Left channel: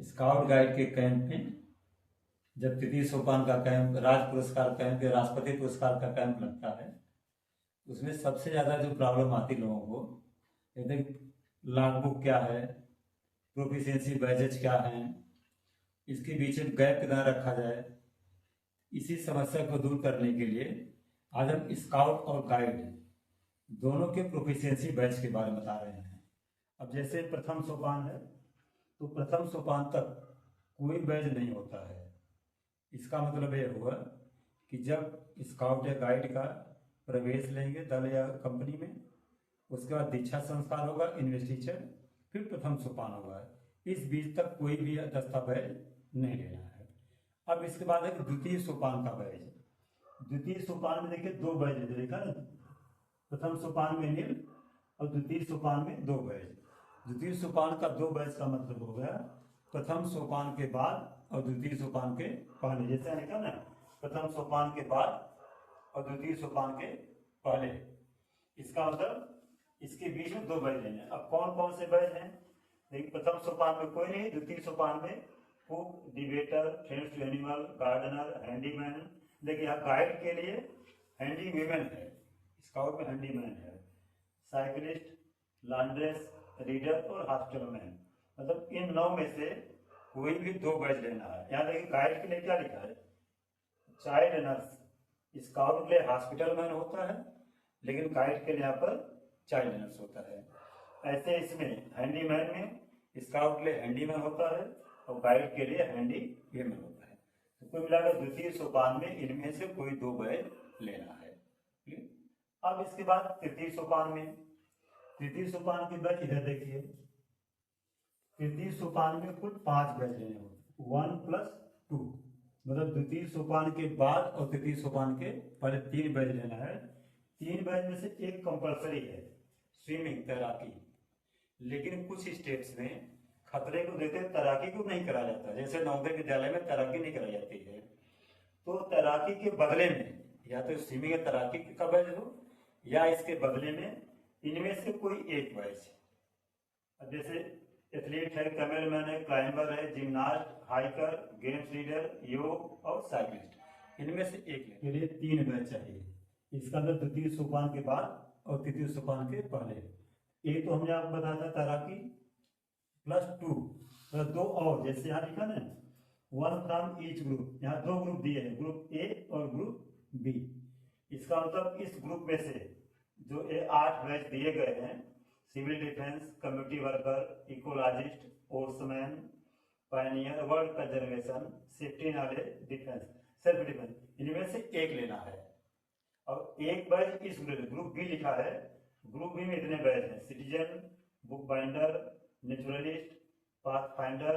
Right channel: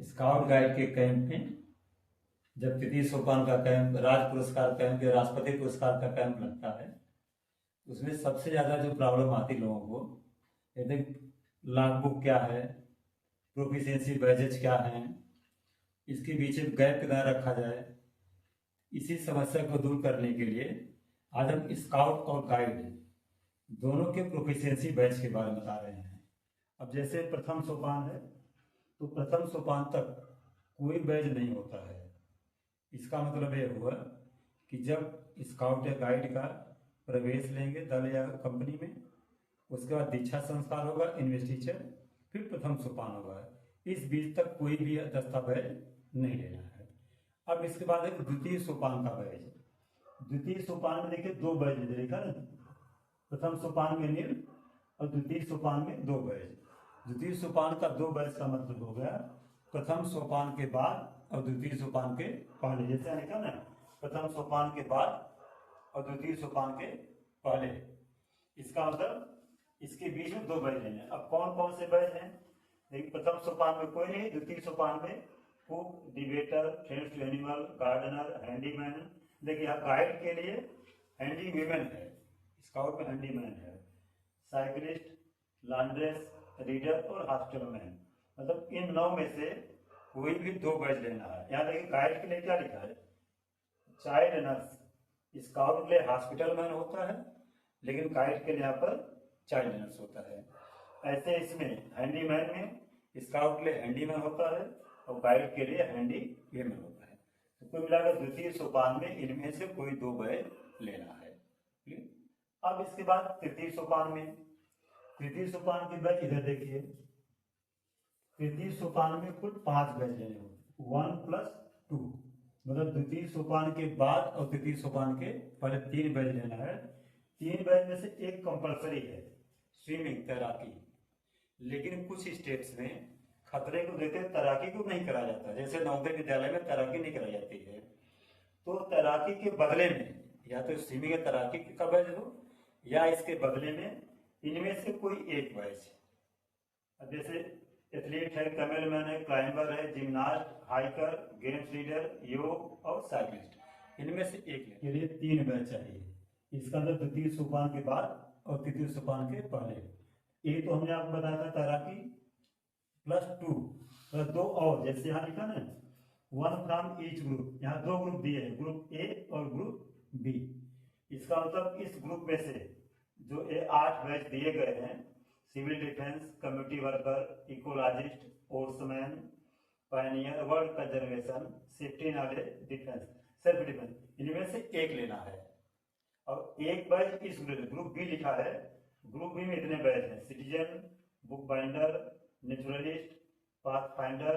Scout guide के camp में जब तृतीय सोपान का कैंप, राज पुरस्कार कैंप या राष्ट्रपति पुरस्कार का कैंप लगता है, उसमें सबसे ज़्यादा जो प्रॉब्लम आती लोगों को, जैसे लॉग बुक क्या है, प्रोफिशिएंसी बैजेज क्या है, इसके बीच में गैप कितना रखा जाए, इसी समस्या को दूर करने के लिए आज हम स्काउट और गाइड दोनों के प्रोफिशिएंसी बैच के बारे में बता रहे हैं। अब जैसे प्रथम सोपान है, तो प्रथम सोपान तक कोई बैच नहीं होता है। इसका मतलब यह हुआ कि जब स्काउट या गाइड का प्रवेश लेंगे दल या कंपनी में, उसके बाद दीक्षा संस्कार होगा, इन्वेस्टिचर, फिर प्रथम सोपान होगा। इस बीच तक कोई भी दस्तावेज नहीं लेना है। अब इसके बाद है द्वितीय सोपान का बैच। द्वितीय सोपान में देखिए दो बैच देखा ना, प्रथम सोपान में नील और द्वितीय सोपान में दो बैच। द्वितीय सोपान का दो बैच का मतलब हो गया प्रथम सोपान के बाद और द्वितीय सोपान के पहले। जैसे लिखा ना, प्रथम सोपान के बाद और द्वितीय सोपान के पहले, इसका मतलब इसके बीच में दो बैच हैं। अब कौन कौन से बैच हैं? देखिए, प्रथम सोपान में कोई नहीं, द्वितीय सोपान में cook, debater, friends to animal, gardener, handyman. देखिए यहाँ गाइड के लिए हैंडीमैन है, स्काउट में हैंडीमैन है, साइकिलिस्ट, लॉन्ड्रेस, रीडर और हॉस्पिटलमैन। मतलब इन 9 में से कोई भी दो बैच लेना है। यहाँ देखिए गाइड के लिए क्या लिखा है, चाइल्ड नर्स। स्काउट के लिए हॉस्पिटलमैन होता है, लेकिन गाइड के लिए यहाँ पर चाइल्ड नर्स होता है। ऐसे इसमें हैंडीमैन में स्काउट के लिए हैंडीमैन होता है और गाइड के लिए हैंडीमैन होता है। तो कुल मिलाकर द्वितीय सोपान में इनमें से कोई दो बैच लेना है। अब इसके बाद तृतीय सोपान में, तृतीय सोपान के बैच इधर देखिए, तृतीय सोपान में कुल 5 बैच लेने होंगे, 1+2। मतलब द्वितीय सोपान के बाद और तृतीय सोपान के पहले 3 बैच लेना है। 3 बैच में से एक कंपलसरी है, स्विमिंग, तैराकी। लेकिन कुछ स्टेट्स में खतरे को देखते तैराकी को नहीं कराया जाता। जैसे नवोदय विद्यालय में तैराकी नहीं कराई जाती है, तो तैराकी के बदले में या तो स्विमिंग या तैराकी का बैच हो, या इसके बदले में इनमें से कोई एक बैच। जैसे एथलीट है, कैमलमैन है, क्लाइंबर है, जिम्नास्ट, हाइकर, गेम्स लीडर, योग और साइकिलिस्ट, इनमें से एक के लिए 3 बैच चाहिए। इसका अंदर द्वितीय सोपान के बाद और तृतीय सोपान के पहले। एक तो हमने आपको बताया था तैराकी +2, मतलब 2 और, जैसे यहाँ लिखा ना 1 फ्रॉम ईच ग्रुप। यहाँ 2 ग्रुप दिए हैं, ग्रुप ए और ग्रुप बी। इसका मतलब इस ग्रुप में से जो 8 बैच दिए गए हैं, civil defence, community worker, ecologist, sportsman, pioneer, world conservation, safety knowledge, defence, self defence, इनमें से एक लेना है। और एक बैच इस ग्रुप बी लिखा है, ग्रुप बी में इतने बैच हैं, citizen, book binder, naturalist, path finder,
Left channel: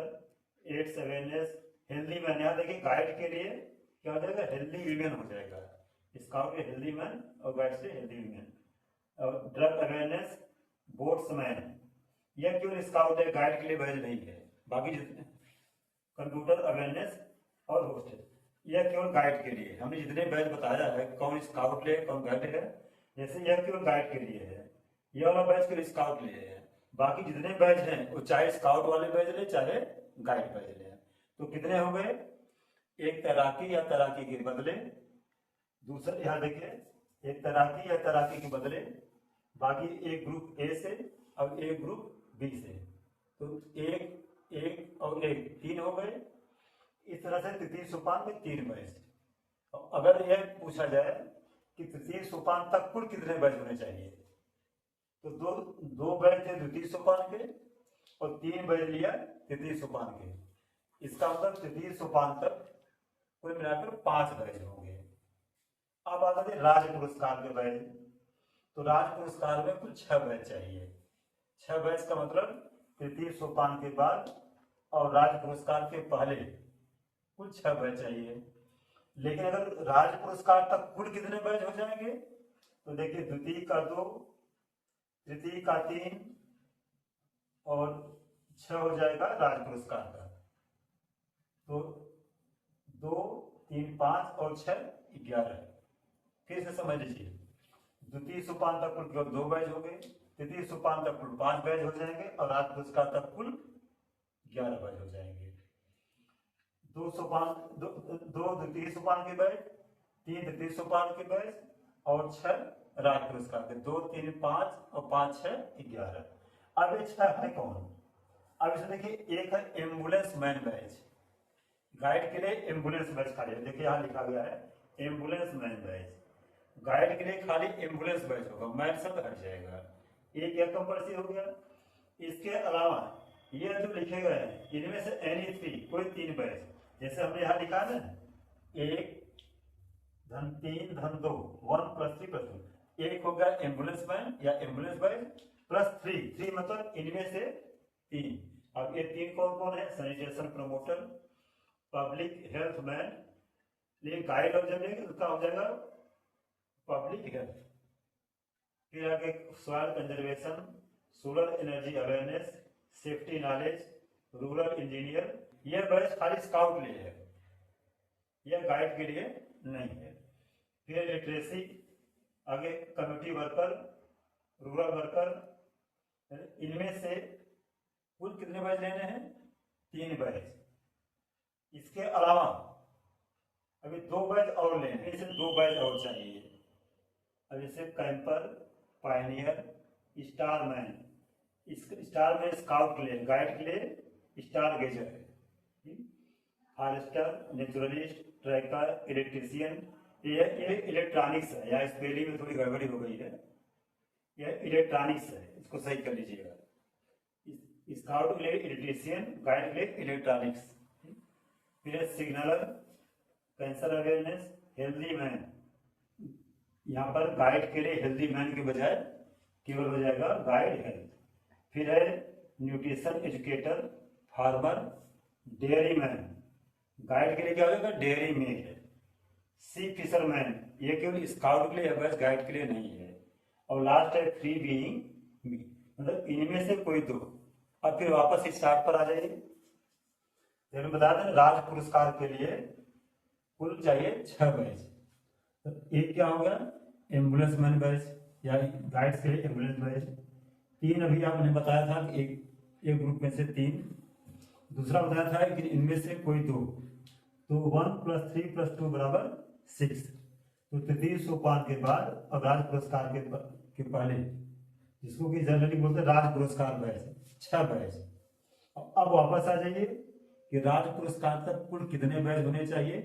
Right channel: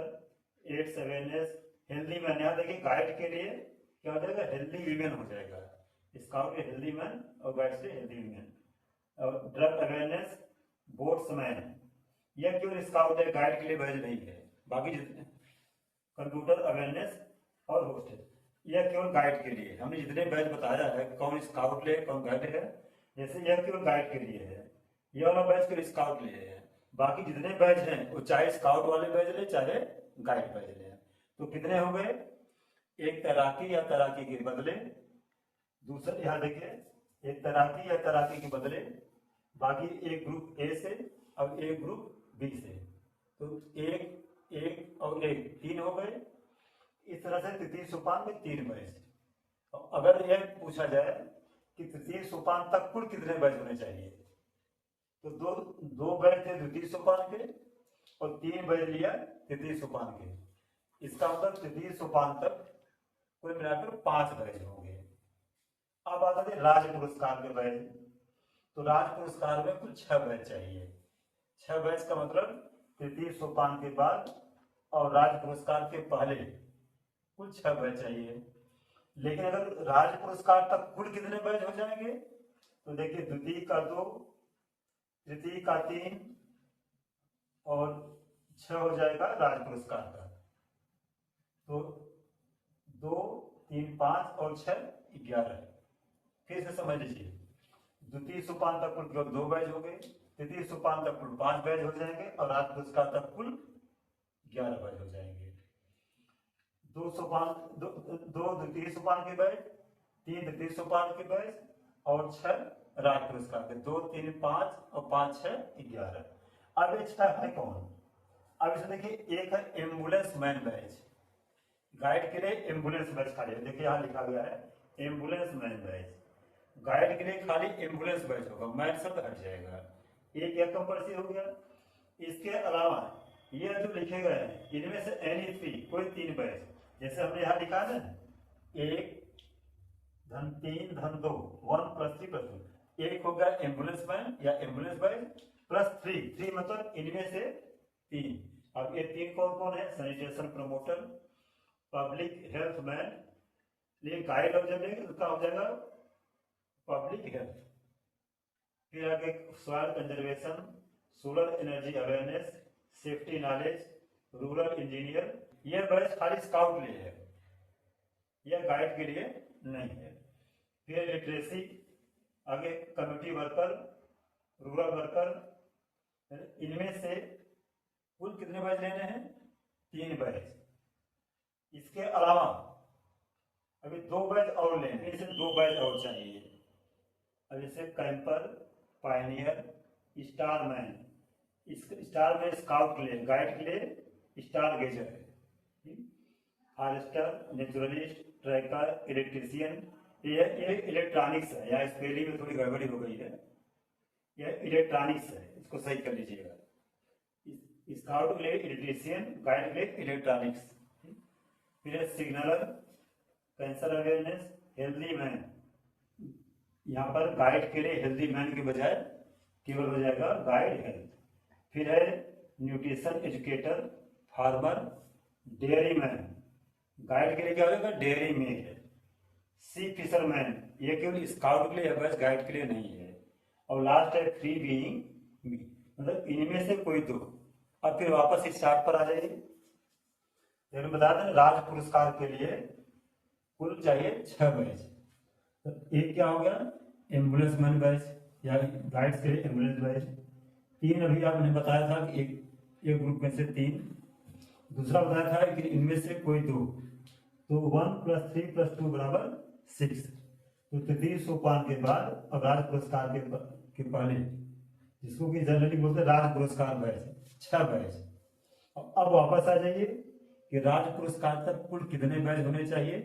AIDS awareness, healthy man. यहाँ देखिए गाइड के लिए क्या हो जाएगा, हेल्दी वीमेन हो जाएगा। स्काउट के हेल्दी मैन और गाइड से हेल्दी वीमेन। और ड्रग अवेयरनेस, बोट्समैन। यह केवल स्काउट है, गाइड के लिए बैच नहीं है। बाकी जितने कंप्यूटर अवेयरनेस और होस्टेल, यह केवल गाइड के लिए। हमने जितने बैच बताया है, कौन स्काउट ले कौन गाइड है, जैसे यह केवल गाइड के लिए है, यह वाला बैच केवल स्काउट के लिए है। बाकी जितने बैच हैं वो चाहे स्काउट वाले बैच ले चाहे गाइड बैच ले। तो कितने हो गए, एक तैराकी या तैराकी के बदले, दूसरा यहाँ देखिए एक तैराकी या तैराकी के बदले, बाकी एक ग्रुप ए से और एक ग्रुप बी से। तो एक और एक 3 हो गए। इस तरह से तृतीय सोपान में 3 बैच। अगर यह पूछा जाए कि तृतीय सोपान तक कुल कितने बैच होने चाहिए, तो दो बैच थे द्वितीय सोपान के और 3 बैच लिया तृतीय सोपान के। इसका मतलब तृतीय सोपान तक कुल मिलाकर 5 बैच होंगे। अब आता है राज्य पुरस्कार के बैच। तो राज्य पुरस्कार में कुल 6 बैच चाहिए। 6 बैच का मतलब तृतीय सोपान के बाद और राज्य पुरस्कार के पहले कुल 6 बैच चाहिए। लेकिन अगर राज्य पुरस्कार तक कुल कितने बैच हो जाएंगे, तो देखिए द्वितीय का 2, तृतीय का 3 और 6 हो जाएगा राज्य पुरस्कार का। तो 2, 3, 5 और 6, 11। फिर से समझ लीजिए, द्वितीय सोपान तक कुल केवल 2 बैच हो गए, तृतीय सोपान तक कुल 5 बैच हो जाएंगे और राज्य पुरस्कार तक कुल 11 बैच हो जाएंगे। दो द्वितीय सोपान के बैच, 3 द्वितीय सोपान के बैच और 6 राज्य पुरस्कार के, 2 3 5 और 5 6 11। अब ये 6 है कौन? अब इसे देखिए, एक है एम्बुलेंस मैन बैच, गाइड के लिए एम्बुलेंस बैच खाली, देखिए यहाँ लिखा गया है एम्बुलेंस मैन बैच, गाइड के लिए खाली एम्बुलेंस बैच होगा, मैन शब्द हट जाएगा। एक यह कंपल्सरी हो गया। इसके अलावा ये जो लिखे गए हैं इनमें से एनी 3 कोई 3 बैच, जैसे हमने यहाँ लिखा है ना 1 धन 3 धन 2 1 + 3 + 2, एक होगा एम्बुलेंस मैन या एम्बुलेंस बैच प्लस 3 मतलब इनमें से 3। अब ये 3 कौन कौन है? Sanitation promoter, public health man, ये गाइड अब जब इसका हो जाएगा पब्लिक हेल्थ, फिर आगे soil conservation, solar energy awareness, safety knowledge, rural engineer. ये बैच खाली स्काउट के लिए है, यह गाइड के लिए नहीं है। फिर लिटरेसी, आगे कम्युनिटी वर्कर, रूरल वर्कर, इनमें से कुल कितने बैच लेने हैं? 3 बैच। इसके अलावा अभी 2 बैच और लेने हैं, इसे 2 बैच और चाहिए। अब जैसे camper, Pioneer, star man, star man scout के लिए, गाइड के लिए स्टार गेजर है, फॉरेस्टर, नेचुरलिस्ट, ट्रैकर, इलेक्ट्रीशियन। ये इलेक्ट्रॉनिक्स है, या स्पेलिंग में थोड़ी गड़बड़ी हो गई है, यह इलेक्ट्रॉनिक्स है, इसको सही कर लीजिएगा। स्काउट के लिए इलेक्ट्रीशियन, गाइड के लिए इलेक्ट्रॉनिक्स। फिर सिग्नलर, कैंसर अवेयरनेस, हेल्दी मैन, यहाँ पर गाइड के लिए हेल्दी मैन के बजाय केवल हो जाएगा गाइड हेल्थ। फिर है nutrition educator, farmer, dairy man, guide के लिए क्या हो जाएगा? Dairy mail. सी फिशरमैन, ये केवल स्काउट के लिए है, गाइड के लिए नहीं है। और लास्ट है फ्री बीइंग, मतलब इनमें से कोई 2। और फिर वापस इस चार्ट पर आ जाइए, तो बता दें राज्य पुरस्कार के लिए कुल चाहिए 6 बैच। तो एक क्या हो गया? एम्बुलेंस मैन बैच या गाइड्स के लिए एम्बुलेंस बैच। 3 अभी आपने बताया था कि एक ग्रुप में से 3, दूसरा बताया था कि इनमें से कोई 2, तो 1 + 3 + 2 = 6। तो तृतीय सोपान के बाद और राज्य पुरस्कार के पहले, जिसको कि जनरली बोलते हैं राज्य पुरस्कार बैच, 6 बैच। अब वापस आ जाइए कि राज्य पुरस्कार तक कुल कितने बैच होने चाहिए?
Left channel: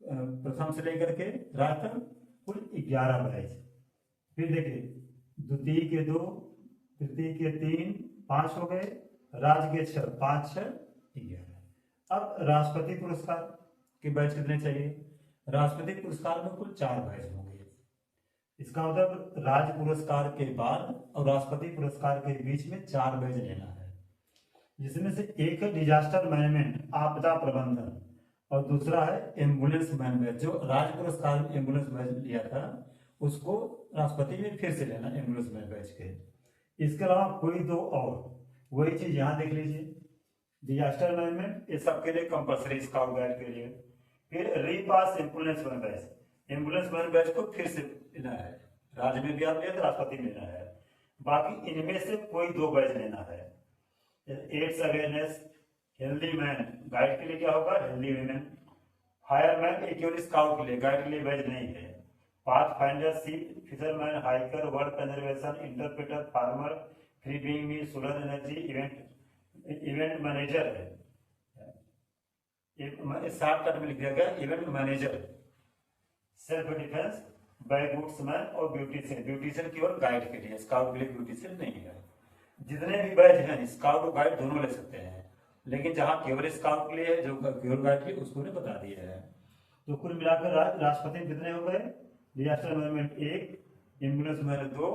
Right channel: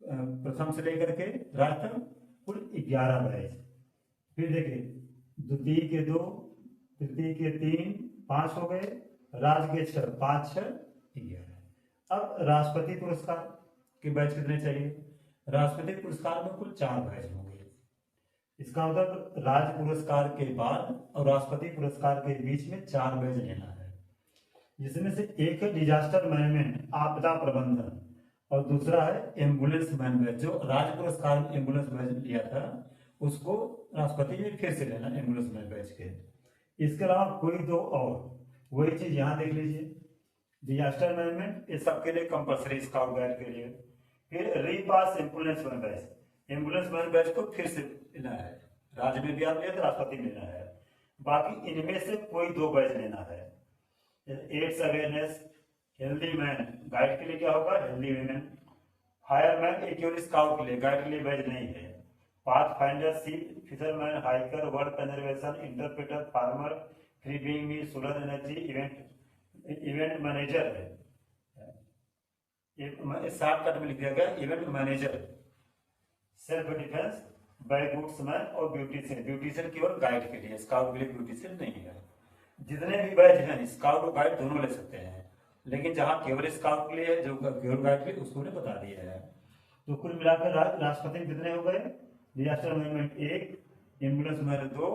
प्रथम से लेकर के राज्य तक कुल 11 बैच। फिर देखिए, द्वितीय के 2, तृतीय के 3, 5 हो गए, राज्य के 6, 5 6 11। अब राष्ट्रपति पुरस्कार के बैच कितने चाहिए? राष्ट्रपति पुरस्कार में कुल 4 बैच होंगे। इसका मतलब राज्य पुरस्कार के बाद और राष्ट्रपति पुरस्कार के बीच में 4 बैच लेना है, जिसमें से एक है डिजास्टर मैनेजमेंट, आपदा प्रबंधन, और दूसरा है एम्बुलेंस मैन बैच। जो राज्य पुरस्कार में एम्बुलेंस बैच लिया था उसको राष्ट्रपति ने फिर से लेना एम्बुलेंस मैन बैच के। इसके अलावा कोई 2 और, वही चीज यहाँ देख लीजिए, डिजास्टर मैनेजमेंट ये सबके लिए कंपल्सरी, स्काउट गाइड के लिए। फिर रीपास ambulance man badge, ambulance man badge को फिर से लेना है, राज्य में भी आप लेते, राष्ट्रपति लेना है। बाकी इनमें से कोई 2 बैच लेना है। AIDS awareness, healthy man, guide के लिए क्या होगा? Healthy man. फायरमैन एक केवल स्काउट के लिए, गाइड के लिए बैच नहीं है। Pathfinder, sea fisherman, hiker, world conservation, interpreter, farmer, free being meal, solar energy, event manager है, 7 कट में लिख दिया गया event manager. Self defence, backwoodsman और ब्यूटिशियन, ब्यूटिशियन केवल गाइड के लिए, स्काउट के लिए ब्यूटिशियन नहीं है। जितने भी बैच हैं स्काउट और गाइड दोनों ले सकते हैं, लेकिन जहां केवल स्काउट के लिए है, जो केवल गाइड के लिए, उसको ने बता दिया है। तो कुल मिलाकर राष्ट्रपति कितने हो गए? डिजास्टर मैनेजमेंट 1, एम्बुलेंस मैन 2,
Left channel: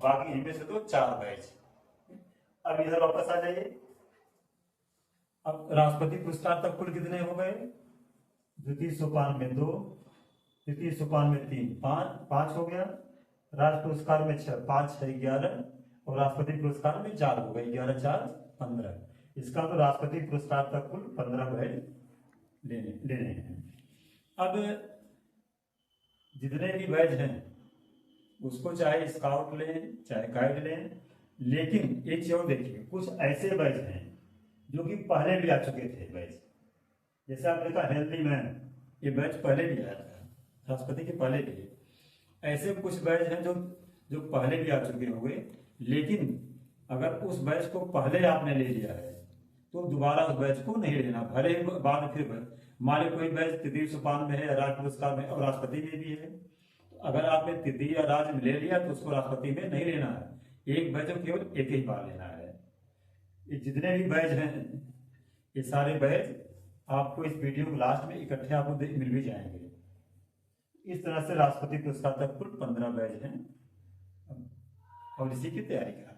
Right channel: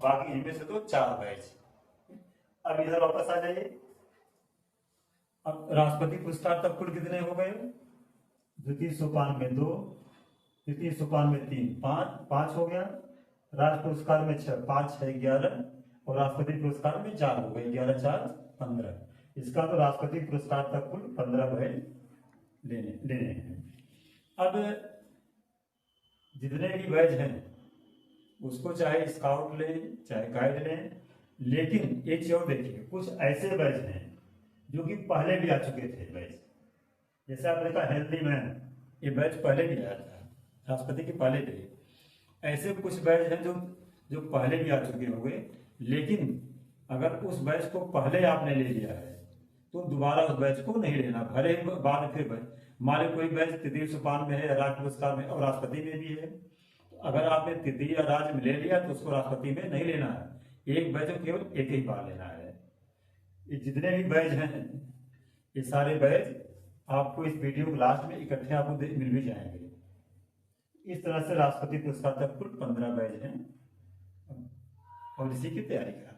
बाकी इनमें से 4 बैच। अब इधर वापस आ जाइए। अब राष्ट्रपति पुरस्कार तक कुल कितने हो गए? द्वितीय सोपान में 2, तृतीय सोपान में 3, 5 हो गया, राज्य पुरस्कार में 6, 5 6 11, और राष्ट्रपति पुरस्कार में 4 हो गए, 11 4 15। इसका तो राष्ट्रपति पुरस्कार तक कुल 15 बैच लेने हैं। अब जितने भी बैच हैं उसको चाहे स्काउट लें चाहे गाइड लें, लेकिन एक चीज और देखिए, कुछ ऐसे बैच हैं जो कि पहले भी आ चुके थे बैच, जैसे आपने देखा हेल्दी मैन, ये बैच पहले भी आया था, राष्ट्रपति के पहले भी। ऐसे कुछ बैच हैं जो जो पहले भी आ चुके होंगे, लेकिन अगर उस बैच को पहले आपने ले लिया है तो दोबारा उस बैच को नहीं लेना, भले ही बाद में फिर बैच मान लो कोई बैच तृतीय सोपान में है, राज्य पुरस्कार में और राष्ट्रपति में भी है, तो अगर आपने तृतीय या राज्य में ले लिया तो उसको राष्ट्रपति में नहीं लेना है, एक बैच को केवल एक ही बार लेना है। ये जितने भी बैच हैं, ये सारे बैच आपको इस वीडियो के लास्ट में इकट्ठे आपको मिल भी जाएंगे। इस तरह से राष्ट्रपति पुरस्कार तक कुल 15 बैच हैं और इसी की तैयारी करा।